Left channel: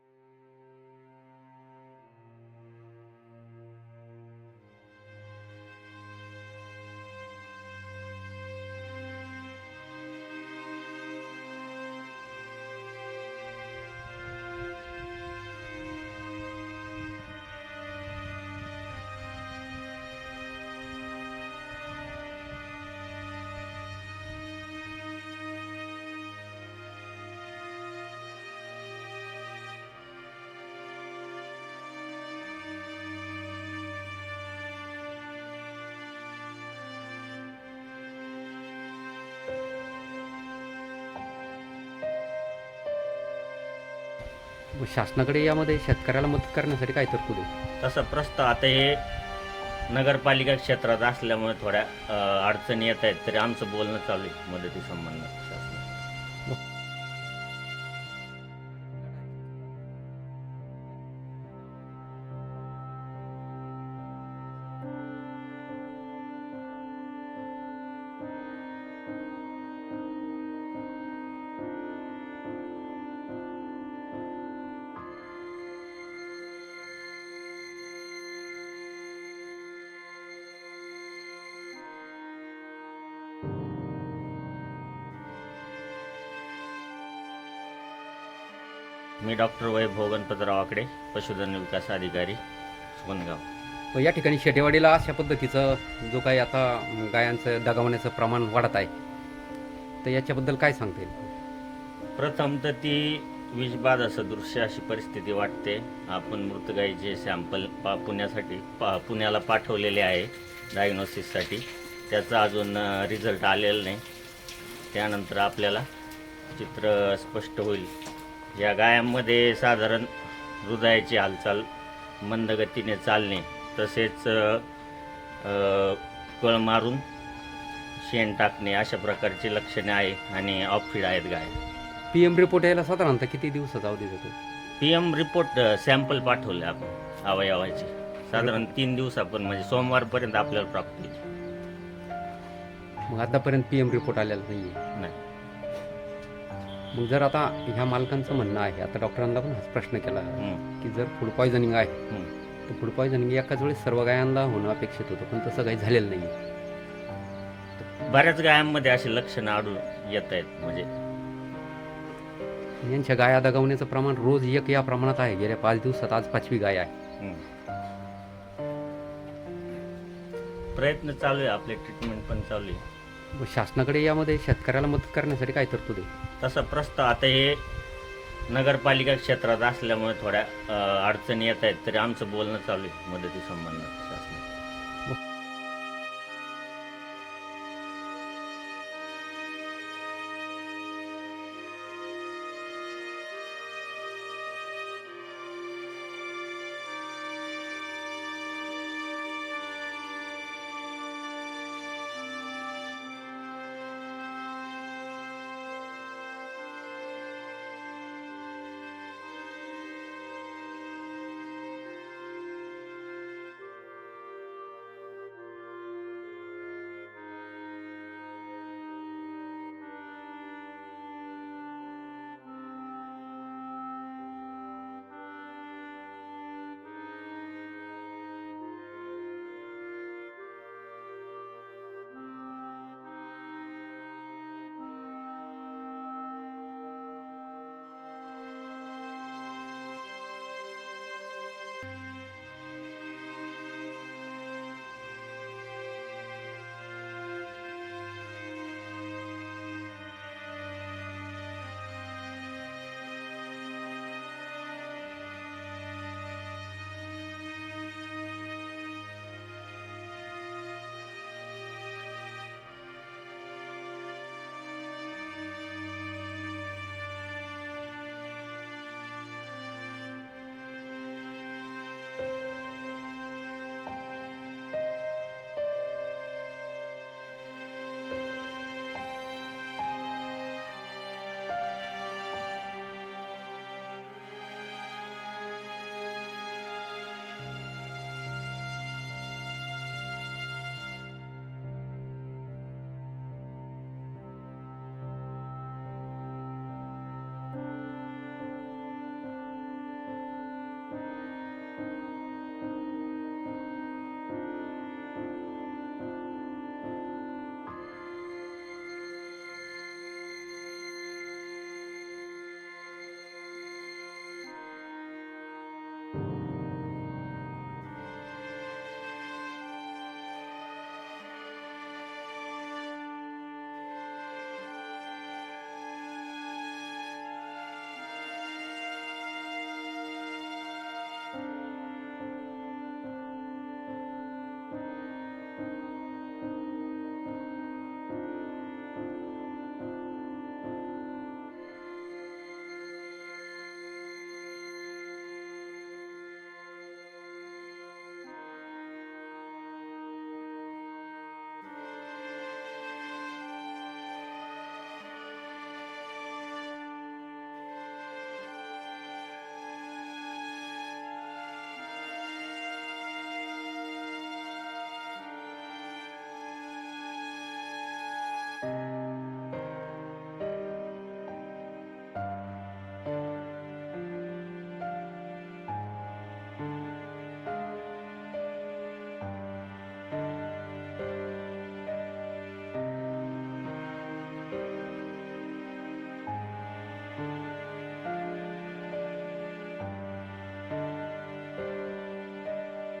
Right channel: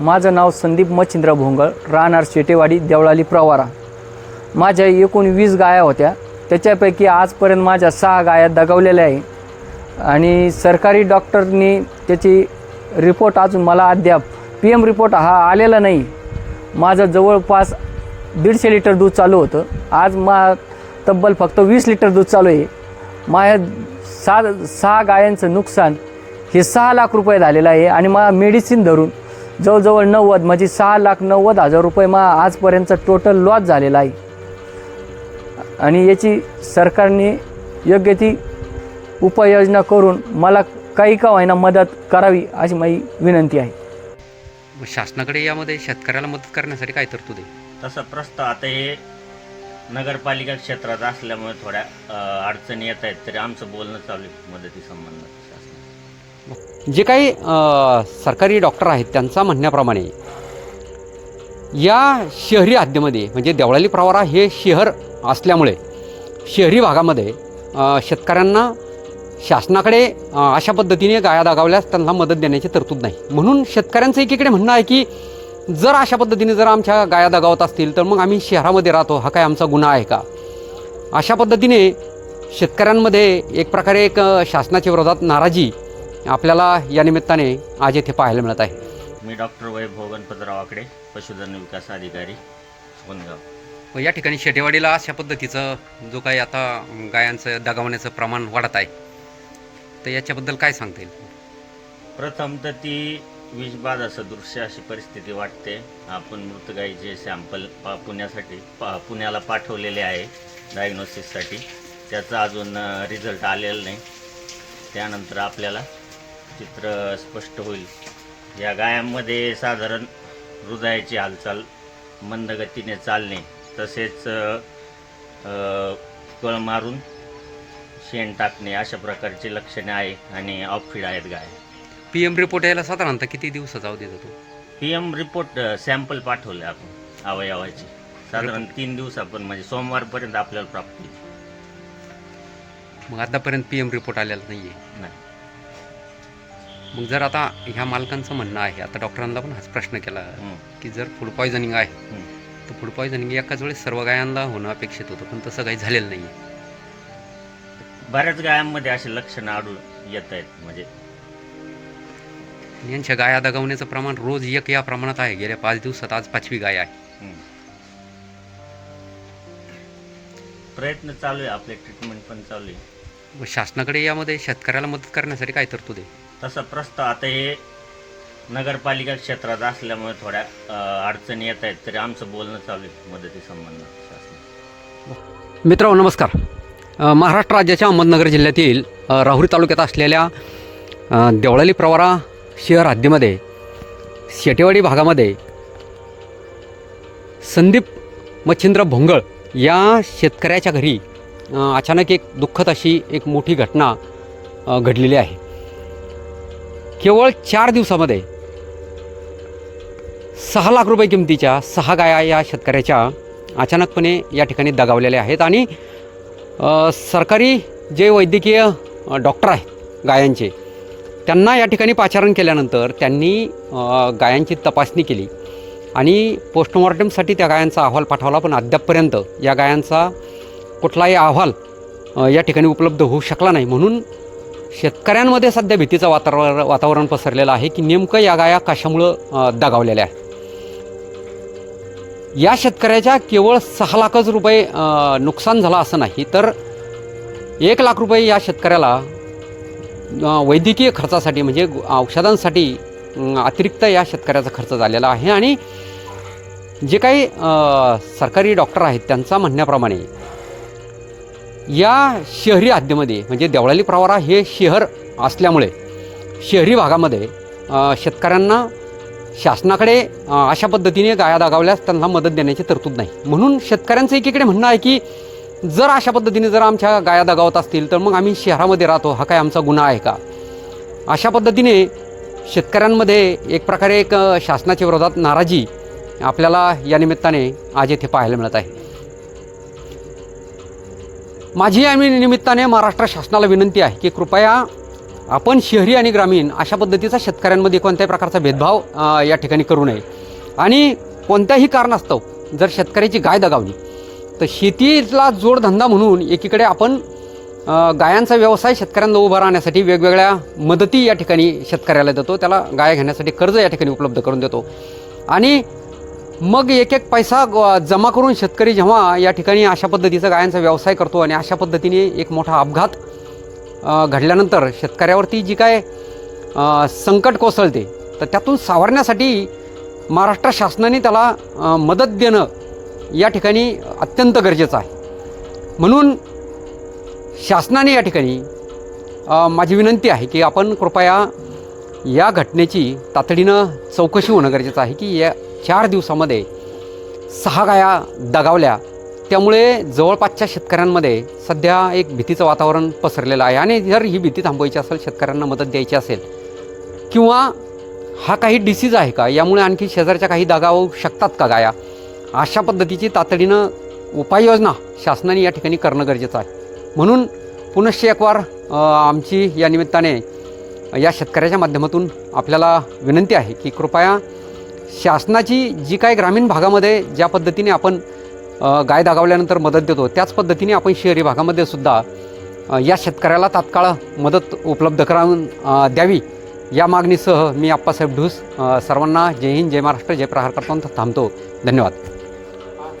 माझं नाव संदीप मच्छिंद्र भोंगळ राहणार शेटेवाडी देवळाली प्रवारा. माझ्या एकूण वीस गाया होत्या. त्याच्यापैकी आजपर्यंत माझ्या सहा गाया दगावलेल्या आहे. आणि सरकारी डॉक्टरनी त्याची रिपोर्ट अजून मला अद्याप पी एम रिपोर्ट हा आलेला नाही. माझं जवळपास दीडशे लिटर दूध चालू होतं. आज मा तब्बल फक्त वीस लिटर दूध चालू आहे. माझ्या सहा सहा गायांचं नुकसान हे सहा लाख रुपये झालेलं आहे आणि मला मेडिसिन धरून जवळजवळ नव्वद म्हणजे सहा लाख नव्वद हजार रुपये मा आजपर्यंत टोटल लॉस झालेला आहे. आणि याची सरकारने योग्य ती उपाययोजना करून मला काही का होईना मदत करावी अशी माझी विनंती आहे. शासनाकडे यामध्ये शेतकऱ्याला मदत करण्यासाठी काय तरतूद आहे? तसा प्रस्ताव आता हे नगरपालिका क्षेत्रात असल्यामुळे थोड्या अ, अडचणी येत आहेत तरी आमचं बोलणं चालू आहे मदतीसंबंध शासनाचं. जे काही सरकारी डॉक्टर आहेत त्यांचा म्हणण्याप्रमाणे या शहरी हद्दीमध्ये म्हणजे देवळाली प्रवारा हे शहर असल्यामुळे शहरी भागामध्ये शेतकऱ्यांना शासनाकडे अशा पद्धतीने गाया दागावल्यास त्यांना मदत देण्याची तरतूद नाही. म्हणून शेतकऱ्यांचं एकीकडे म्हणणं आहे की जर अशा पद्धतीने जर आमच्या गाया दागावत असतील तर मग आम्ही शहरामध्ये राहतो हा काय आमचा गुन्हा आहे का? अशा पद्धतीने शेतकऱ्यांमध्ये एक प्रकारे एक शासनाच्या विरोधात नाराजी आपल्याला या निमित्ताने आज येथे पाहायला मिळत आहे. मी डॉक्टर वैभव गणपतराव आकडे पशुधन विकास अधिकारी सुगंधगाव व या ठिकाणी शेटेवाडीला अशा पद्धतीचं जो काही आता गायांचं दगावण्याचं प्रमाण वाढत आहे तर याच्याबद्दल काय सांगता येईल? प्रथम तर ती विषबाधा सदृश्य अशी परिस्थिती वाटते. आपण मृत गाईचे सॅम्पल पा पुण्यासाठी पा पुण्याला पाठवलेले आहे डायग्नोसिससाठी त्याचा अजून रिझल्ट आलेला नाही. त्यानंतर आपल्याला चित्र स्पष्ट होईल. या गायांमध्ये साधारण हृदयाची हालचाल मंद गतीने चालणे तसेच कळ मारून शेण टाकणे अशा प्रकारची लक्षणे आहे आणि ऑफिड आहेत गाय. पी एम रिपोर्ट यायला साधारणतः किती दिवसाचा अवधी जातो पी एम रिपोर्ट सॅम्पल पाठवले आपण अवयवाचे. साधारण तीन दिवसापर्यंत म्हणजे सोमवारपर्यंत आपल्याला प्राप्त होईल. मग आतापर्यंत पी एम रिपोर्ट आलेला नाही आहे नाही. मग जर आता ह्या मालकांचं म्हणणं आहे आता डॉक्टरांना पण हाच प्रश्न केला. की जर फूड पॉयझनिंग आहे. तर फूड पॉयझनिंग एकाच वेळेस सर्व गायांना होणं अपेक्षित होतं पण तसं काही झालेलं नाही बऱ्याच गायांमध्ये असे लक्षणं आढळून येत आहेत म्हणजे यांच्या गाया दगावण्याचं प्रमाण रोज एक या प्रमाणात आहे गेल्या पाच दिवसात आज पाचवी गाय आहे हं. प्रयत्न चालू आहे आपले ट्रीटमेंट पण चालू आहे मग शासनाकडे यामध्ये शेतकऱ्याला मदत करण्यासाठी काय तरतूद आहे तसं प्रस्ताव आता हे नगरपालिका क्षेत्रात असल्यामुळे थोड्या अ, अडचणी येत आहेत तरी आमचं बोलणं चालू आहे मदतीसंबंध शासनाचं मित्रांनो नमस्कार. अ, महाराष्ट्र राज्याच्या अहमदनगर जिल्ह्यातील अ, राहुरी तालुक्यात असलेल्या अ, देवळाली प्रवारा शहर हद्दीमध्ये शेटेवाडी भागामध्ये संदीप मच्छिंद्र भोंगळ या शेतकऱ्याच्या घरी अ, अचानक एक दुःखद अशी एक मोठी घटना अ, घडलेली आहे. केवळ चार दिवसामध्ये सहा लाख रुपये किमतीच्या सहा गाया या शेतकऱ्याच्या अचानकपणे या ठिकाणी दगावलेल्या आहेत. आणि सरकारी जे वैद्यकीय डॉक्टर आहेत गायांचे त्यांना या ठिकाणी पाचारण केल्यानंतर त्यांनी गायांची तपासणी केली. आणि पोस्टमॉर्टमसाठी त्या गायांचा अहवाल पाठवला पण अद्यापपर्यंत या गायांचा कुठलाही अहवाल या ठिकाणी उपलब्ध होऊ शकला नाही. म्हणून शेतकऱ्यांमध्ये सध्या भीतीचं वातावरण वातावरण पसरलेलं आहे की नेमकं या गाया कशामुळं दगावलेल्या आहेत? या शेतकऱ्याच्या केवळ सहा लाखच रुपये नुकसान झालं असं नाही तर एक लाख रुपये या शेतकऱ्याला वैद्यकीय खर्चासाठी म्हणजे औषधांसाठी अतिरिक्त या शेतकऱ्याचा खर्च झालेला आहे. आणि जे काही सरकारी डॉक्टर आहेत त्यांचा म्हणण्याप्रमाणे या शहरी हद्दीमध्ये म्हणजे देवळाली प्रवारा हे शहर असल्यामुळे शहरी भागामध्ये शेतकऱ्यांना शासनाकडे अशा पद्धतीने गाया दागावल्यास त्यांना मदत देण्याची तरतूद नाही. म्हणून शेतकऱ्यांचं एकीकडे म्हणणं आहे की जर अशा पद्धतीने जर आमच्या गाया दागावत असतील तर मग आम्ही शहरामध्ये राहतो हा काय आमचा गुन्हा आहे का? अशा पद्धतीने शेतकऱ्यांमध्ये एक प्रकारे एक शासनाच्या विरोधात नाराजी आपल्याला या निमित्ताने आज येथे पाहायला मिळत आहे. माझी आम्ही निमित्ताने महाराष्ट्र शासनाला विनंती आहे की कृपया आपण शहरी आणि ग्रामीण अशा पद्धतीचा शेतकऱ्यांमध्ये कोणत्याही प्रकारचा भेदभाव या ठिकाणी करू नये. आणि कोणत्याही कारणास्तव जर शेतकऱ्याची गाय दगावली तर शेतीला जोडधंदा म्हणून एकीकडे आपण गायांचा व्यवसाय शेतकऱ्यांना उभा राहण्यासाठी वेगवेगळ्या मदती या ठिकाणी शेतकऱ्याला देतो. त्याला गाय घेण्यासाठी कर्ज या ठिकाणी उपलब्ध करून देतो. आणि मग एक एक पैसा ग- जमा करून शेतकरी जेव्हा या ठिकाणी अशा पद्धतीचा गायांचा व्यवसाय करतो आणि अशा पद्धतीने एक मोठा अपघात घडल्यानंतर शेतकऱ्यावरती जी काय संकट कोसळते तर त्यातून सावरण्यासाठी महाराष्ट्र शासनाने त्याला मदत देणं या ठिकाणी अत्यंत गरजेचं आहे. म्हणून शासनाने या ठिकाणी माझी विनंती आहे की आपण कृपया या घटनेची तातडीनं चौकशी होणं गरजेचं आहे की या चार दिवसामध्ये सहा गाया दगावल्या. त्यामुळे जवळपासच्या शेतकऱ्यांमध्ये सध्या एक भीतीचं वातावरण पसरलेलं आहे. आणि जर ही भीती थांबवायची असेल शेतकऱ्यांना मदत द्यायची असेल किंवा हा काही डिसीज आहे का? यामुळे आणखी शेजारच्या काही दगावू शकतात का गाया? अशा पद्धतीची तातडीनं उपाययोजना शासनाने या ठिकाणी करणं गरजेचं आहे. म्हणून पुनश्च एक वार आमची या निमित्ताने या शेतकऱ्याच्या माध्यमातून आपल्याला विनंती आहे की कृपया शासनाची जी काय ग्रामीण भागामध्ये ज्या पद्धतीने आपण गाय दागावल्यानंतर मदत देतो त्याच पद्धतीने आपण शहरी भागामध्ये सुद्धा या शेतकऱ्याला तात्काळ मदत उपलब्ध करावून द्यावी. या मागणीसह मी आप्पासाहेब ढूस सर्वांना जय हिंद जय महाराष्ट्र जय प्रहार करतो थांबतो. धन्यवाद.